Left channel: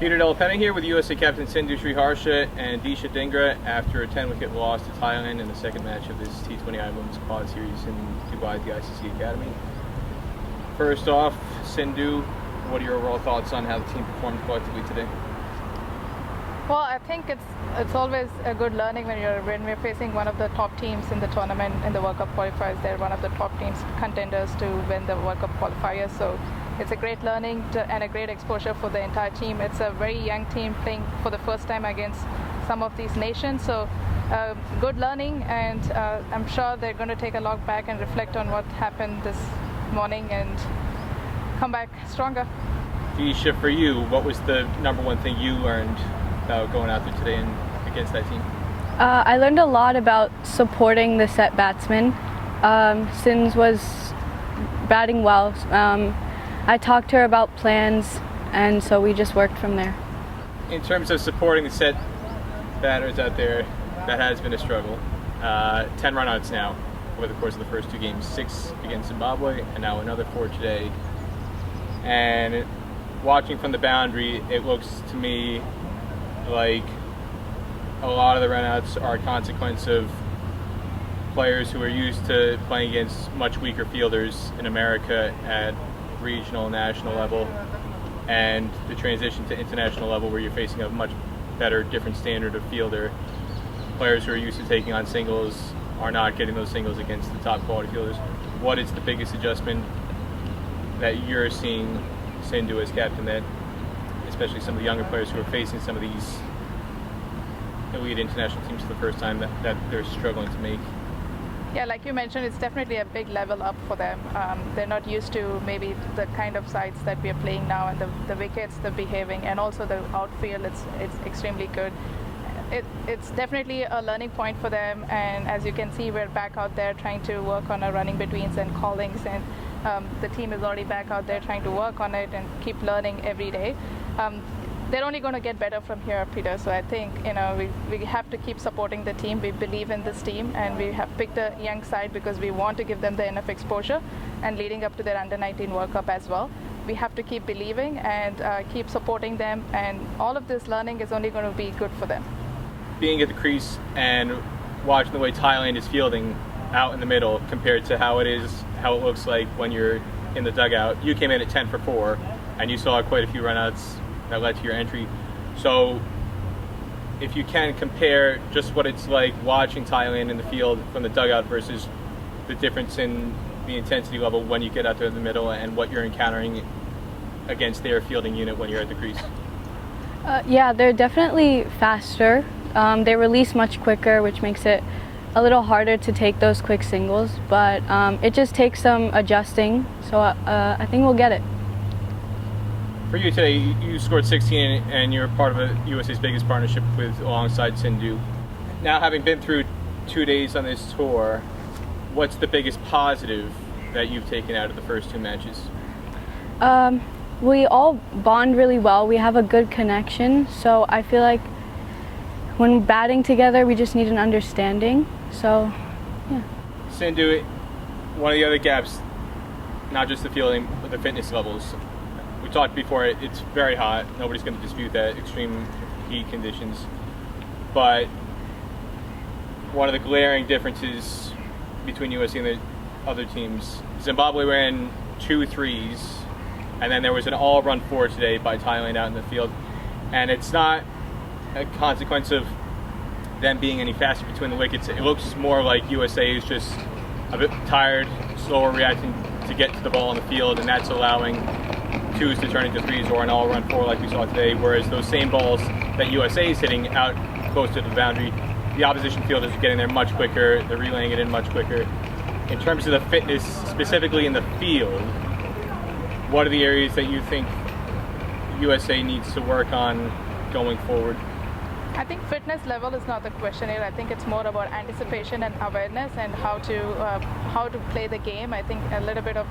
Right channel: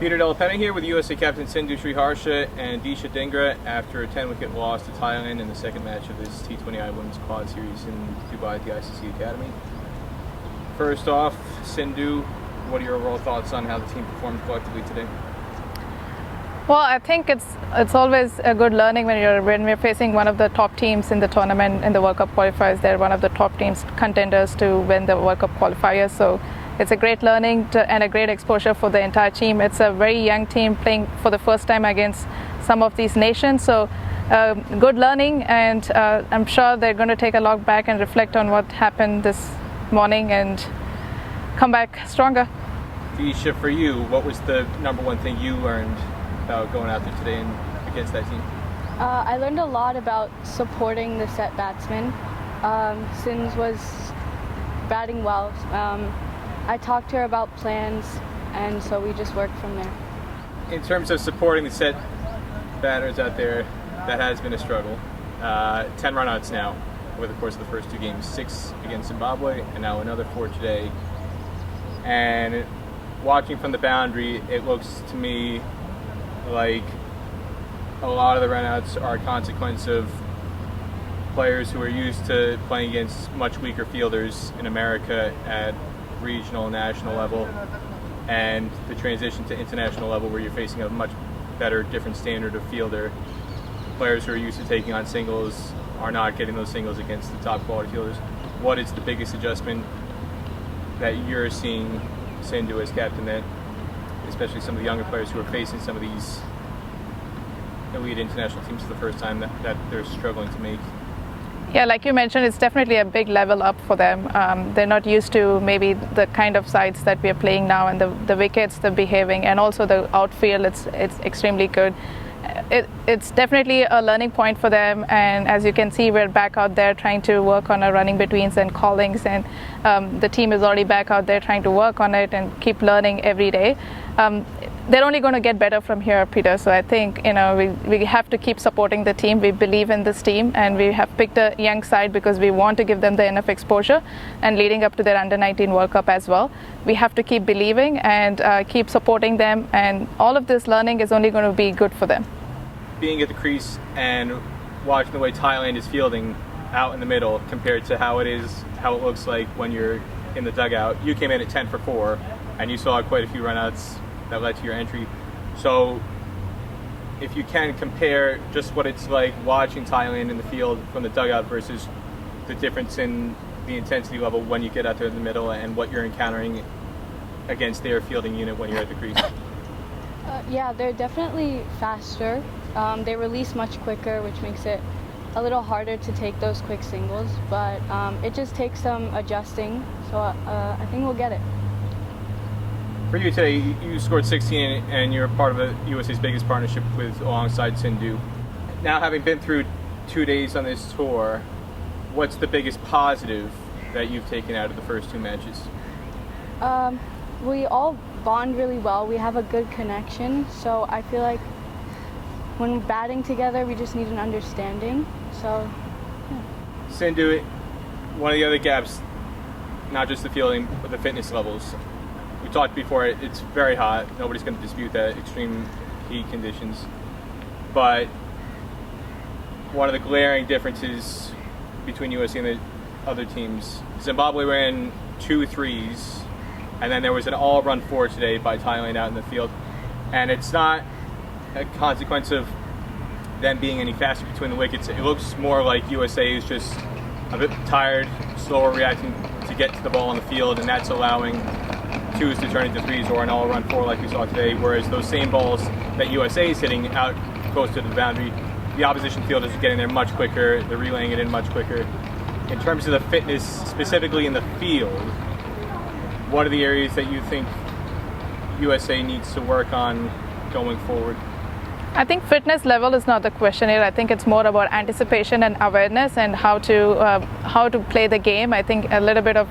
Peter Delapenna here with USA captain Sindhu Sriharsha and Disha Dhingra after a 10-wicket loss to Thailand in the second match of this T20I Women's Quad Series in Dubai at the ICC Academy. First off, Sindhu, what are your overall thoughts on how the team performed collectively today? Well, I think it's always a good learning when we're facing one of the top teams in the tournament in the World Cup qualifiers. They're one of the top teams contenders to win the World Cup qualifiers. So it's a great learning and a great exposure for the entire team. It's a very young team playing for the first time against some of these nations. So good learning, and I'm sure they're going to take a look back and reflect on what happened this morning and come back stronger. Disha, for you, what was the number one thing you learned about going out there today and against that team? I learned a lot about supporting the set batsmen. Sins was batting well. I talked to her about plans, and so we just worked from there. In terms of supporting the set batters out there, that has been a struggle. 10 run-outs now over the course of the first two games, 6 against Zimbabwe and now another 4 today. And watching from the boundary, it looks to me like a lot of the run-outs are a consequence of players who are used to playing against much weaker fielders in America at regional, national level, and the transition to international level where you're facing a much better, different standard of fielder. Players who are used to taking on singles are not getting those singles against the top quality fielders. What is the biggest adjustment that you're seeing, Sindhu, as captain, that especially some of the younger players who are facing some of these elite international teams for the first time that they're struggling to make? Yeah, like you mentioned, it's definitely a big level up for them. They're not used to maybe the kind of sides that we are playing now, and the wickets, the behaving, and also the outfield. It's extremely good. It's definitely a learning point for them, and as you can see, we're back out there trying to work on our running betweens and callings, and the team is already back out there trying to work on it and keep learning every day. They're only going to get better from here, Peter. So I think we have to keep supporting the team. We believe in this team, and we have picked a young side because we want to give them the enough exposure, and leading up to their Under-19 World Cup as well. We have to keep believing and keep supporting them, and all of this learning is only going to be good for them. Being at the crease and watching the way Thailand is fielding out in the middle compared to how it looks like when you're in the dugout. You came in at 10 for 4, and you saw quite a few runouts that led to your entry. So if you can compare just what it's like watching Thailand in the field from the dugout versus the difference in the intensity level when you get out there in the middle and what you're encountering against their fielding unit when you're at the crease. Yeah, they're definitely faster. They release much quicker, which makes it a little harder to take those quick singles, but it just takes some adjusting, so I think we'll get it. For you today, you scored 16 and you're part of USA's biggest partnership alongside Sindhu. Now, having been through 2 days on this tour, what's the biggest positive that you've taken out of the first 2 matches? We all bond really well. We have a good connection, so I feel like when batting together, we just need an understanding. So, yeah. Sindhu, one of the other gaps, not just the fielding, but the fitness levels. We talked before, it's very hot. Nobody's going to dispute that, extreme heat conditions. But one of the glaring differences between USA and the other teams, Zimbabwe ran 2 threes, and then there was an all-run 4 today by Thailand out in the field. And it's not a consequence of them being any faster between the wickets. It looks more like USA is just a bit tired, slower reacting to get to the ball on the field, and that's allowing 2s to turn into 3s or an all-run 4 like we saw today, whereas those same balls that USA is hitting out close to the boundary, the opposition fielders are getting there much quicker, they're relaying it in much quicker. In terms of the fitness, specifically in the field, what are the areas that you think USA needs to work on going forward? I think fitness level is not the question here. I think it's more about anticipation and awareness and how to play the game. I think a little bit of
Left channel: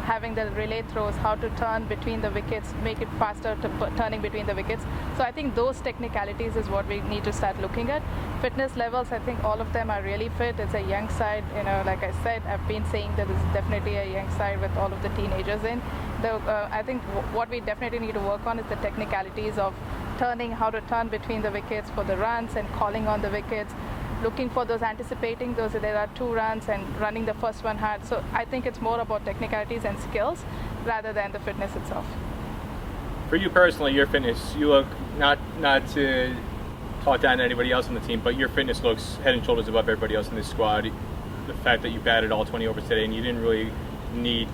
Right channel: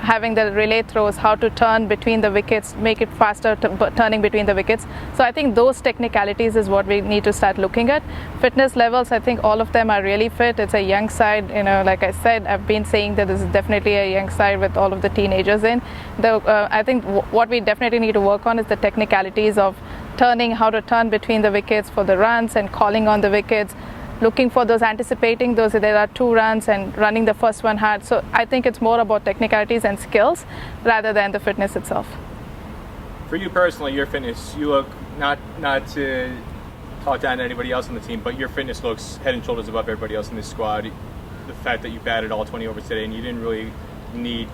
having the relay throws, how to turn between the wickets, make it faster turning between the wickets. So I think those technicalities is what we need to start looking at. Fitness levels, I think all of them are really fit. It's a young side, like I said, I've been saying that this is definitely a young side with all of the teenagers in. I think what we definitely need to work on is the technicalities of turning, how to turn between the wickets for the runs and calling on the wickets, looking for those, anticipating those, there are 2 runs and running the first one hard. So I think it's more about technicalities and skills rather than the fitness itself. For you personally, your fitness, you look, not to talk down to anybody else on the team, but your fitness looks head and shoulders above everybody else in this squad. The fact that you batted all 20 overs today and you didn't really need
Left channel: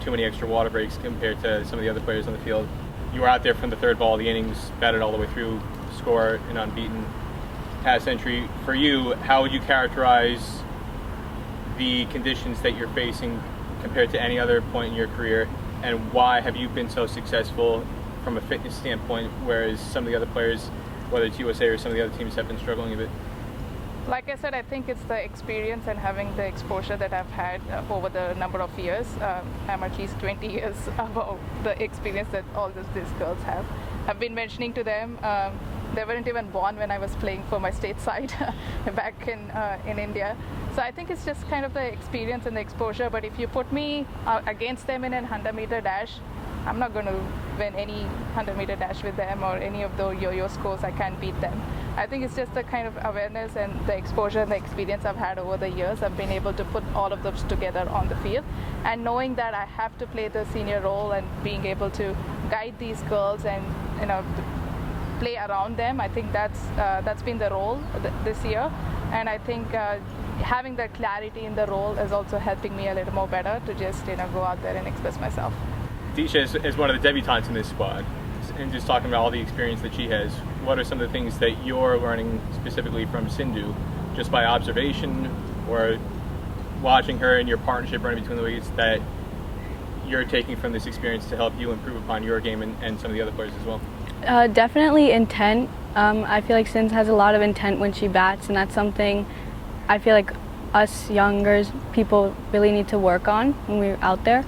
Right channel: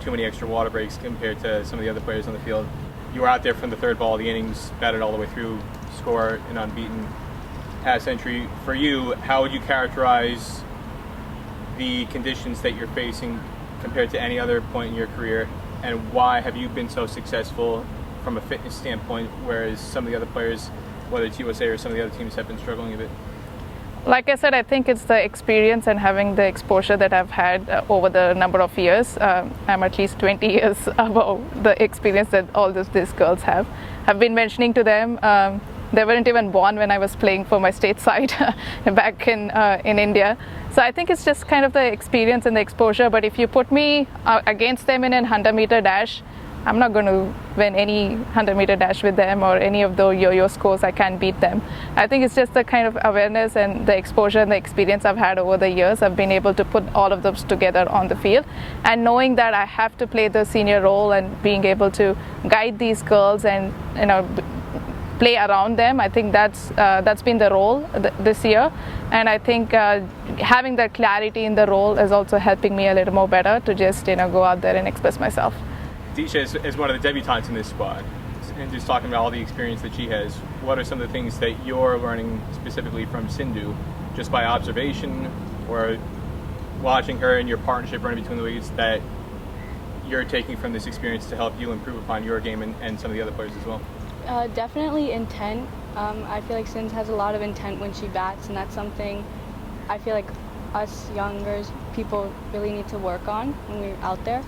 too many extra water breaks compared to some of the other players on the field. You were out there from the 3rd ball of the innings, batted all the way through, score an unbeaten past century. For you, how would you characterize the conditions that you're facing compared to any other point in your career, and why have you been so successful from a fitness standpoint, whereas some of the other players, whether it's USA or some of the other teams, have been struggling a bit? Like I said, I think it's the experience and having the exposure that I've had over the number of years. I'm at least 20 years above the experience that all these girls have. I've been mentioning to them, they weren't even born when I was playing for my state side back in India. So I think it's just kind of the experience and the exposure. But if you put me against them in a 100-meter dash, I'm not going to win any 100-meter dash with them or any of the yo-yo scores. I can't beat them. I think it's just the kind of awareness and the exposure and the experience I've had over the years. I've been able to put all of those together on the field, and knowing that I have to play the senior role and being able to guide these girls and play around them. I think that's been the role this year, and I think having that clarity in the role is also helping me a little more better to just go out there and express myself. Disha is one of the debutantes in this squad, and just talking about all the experience that she has, what are some of the things that you're learning specifically from Sindhu, just by observation or watching her and your partnership running between the wickets, that you're taking from this experience to help you improve upon your game and some of the other players as well? Definitely intent. I feel like Sindh has a lot of intent when she bats, and that's something I feel like us younger people really need to work on when we're out there.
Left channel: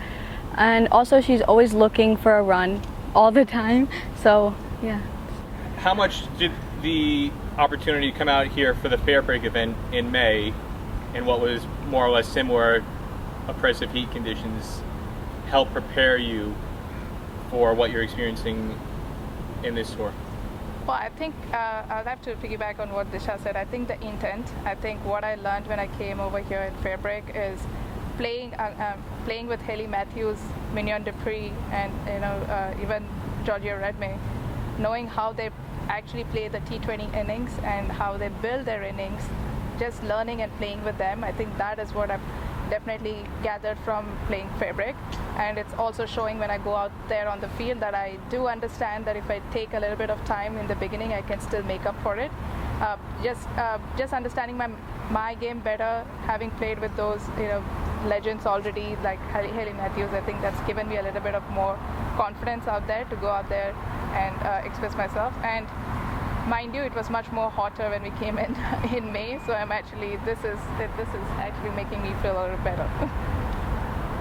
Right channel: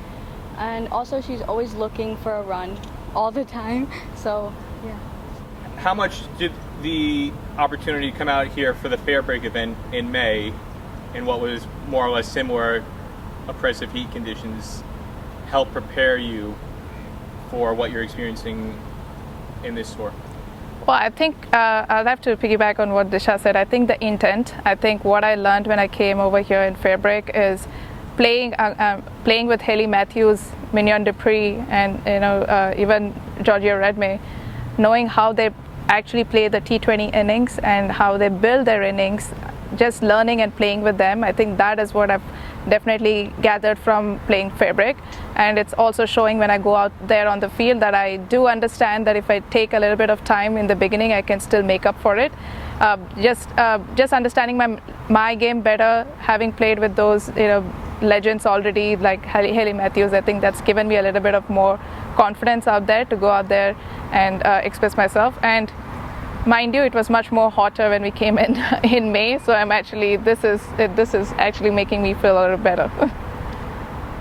And also, she's always looking for a run all the time. So, yeah. How much did the opportunity come out here for the Fair Break event in May, in what was more or less similar oppressive heat conditions, help prepare you for what you're experiencing in this tour? Well, I think I'll have to piggyback on what Disha said. I think the intent, I think what I learned when I came over here in Fair Break is playing with Haley Matthews, Mignon Dupree, and even Georgia Redmay, knowing how they actually play the T20 innings and how they build their innings, just learning and playing with them. I think that is what I've definitely gathered from playing Fair Break, and it's also showing when I go out there on the field that I do understand that if I take a little bit of time in the beginning, I can still make up for it. Just understanding my game better, having played with those legends already like Haley Matthews, I think that's given me a little bit of more confidence out there to go out there and express myself. And mind you, it was much more hotter when we came in May, so I'm actually this is actually making me feel a little better.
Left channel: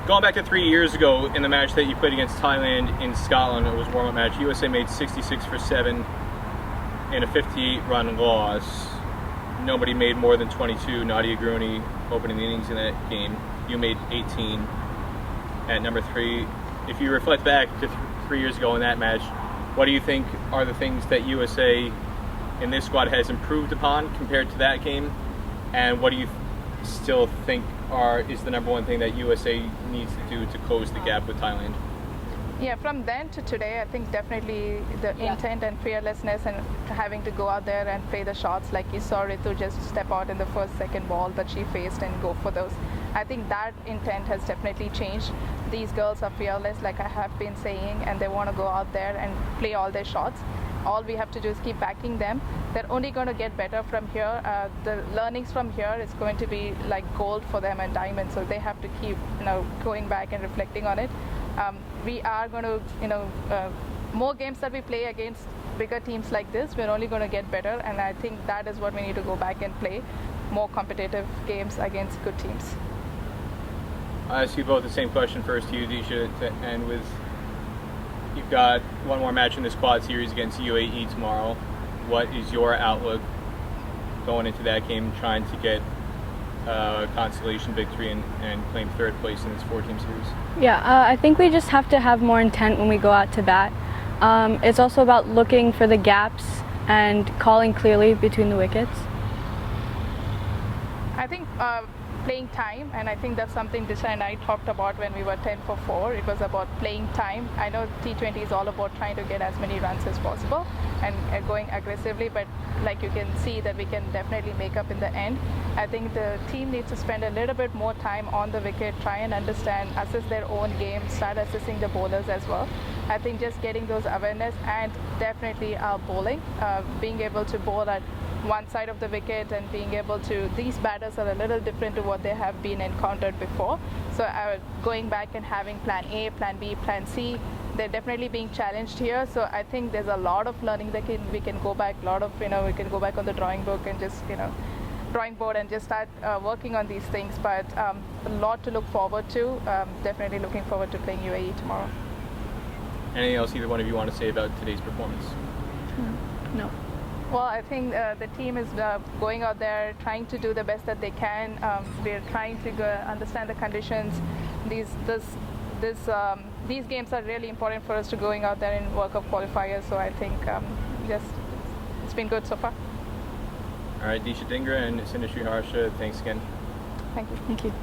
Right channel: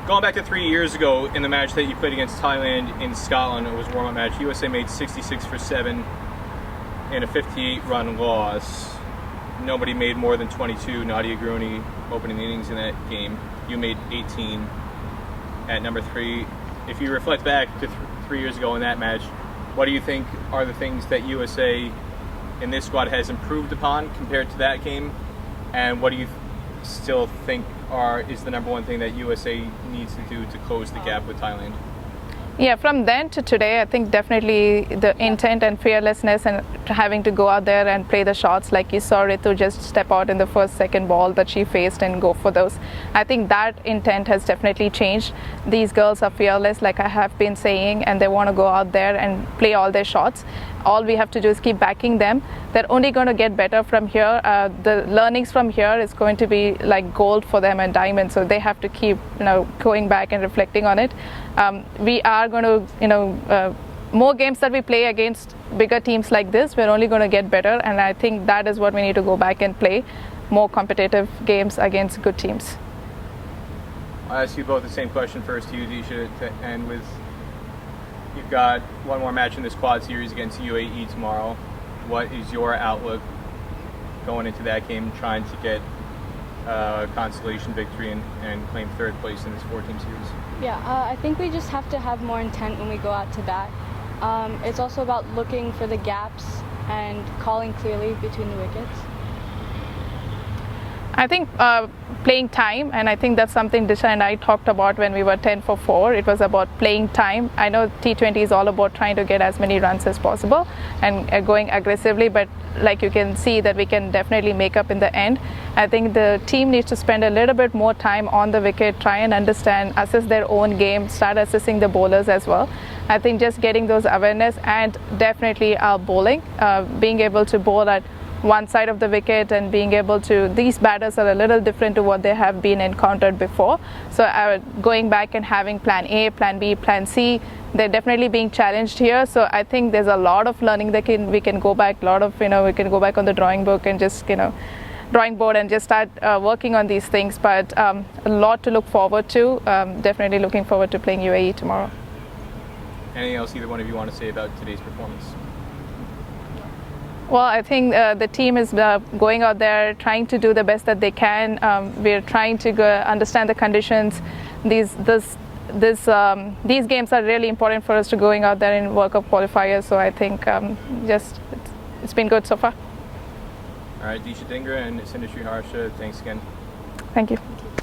Going back to 3 years ago in the match that you played against Thailand in Scotland, it was a warm-up match. USA made 66 for 7 in a 58-run loss. Nobody made more than 22. Nadia Grooney opening the innings in that game. You made 18 at number 3. If you reflect back to 3 years ago in that match, what do you think are the things that USA in this squad has improved upon compared to that game? And what do you still think is the number one thing that USA needs to do to close the gap with Thailand? Yeah, from then to today, I think definitely the intent and fearlessness and having to go out there and play the shots, like you saw Ritu just step out in the first, second ball that she faced and go for those. I think that intent has definitely changed. These girls are fearless, like I have been saying, and they want to go out there and play all their shots. All we have to do is keep backing them. They're only going to get better from here. The learnings from here is going to be like gold for them and diamond. So they have to keep, going back and reflecting on it. We are going to, more games that we play against bigger teams like this, we're only going to get better. And I think that is what we need to go back and play, more competitive games against good teams. I'll ask you both the same question first to you, Disha, to end with. You've got one more match in this quad series against UAE tomorrow. What is your outlook going into that game, trying to get a consolation victory and claim third place in this 4-team series? Yeah, I think we just have to have more intent when we go out to bat. It's also about looking for the gaps and calling clearly between the wickets. I think playing time, and I think that's something Disha and I talked about when we were 10 for 4. It was about playing time. I know T20 is all about trying to get as many runs as possible and going aggressively, but like you can see that we can definitely make up in the end. I think the team needs to spend a little bit more time on the wicket, try and understand, assess their own game, start assessing the bowlers as well. I think just getting those awareness, and definitely our bowling, being able to bowl at one side of the wicket and being able to, these batters are a little different to what they have been encountered before. So going back and having plan A, plan B, plan C, they're definitely being challenged here. So I think there's a lot of learning that we can go back, we can go back on the drawing book and just, drawing board and just start working on these things. But a lot to look forward to. Definitely looking forward to playing UAE tomorrow. Anything else either one of you want to say about today's performance? Well, I think the team is going out there trying to do the best that they can. We're trying to understand the conditions. These games are really important for us to going out there in World Cup qualifiers. So I think it's been good so far. All right, Disha Dhingra and Sindhu Sriharsha, thanks again. Thank you. Thank you.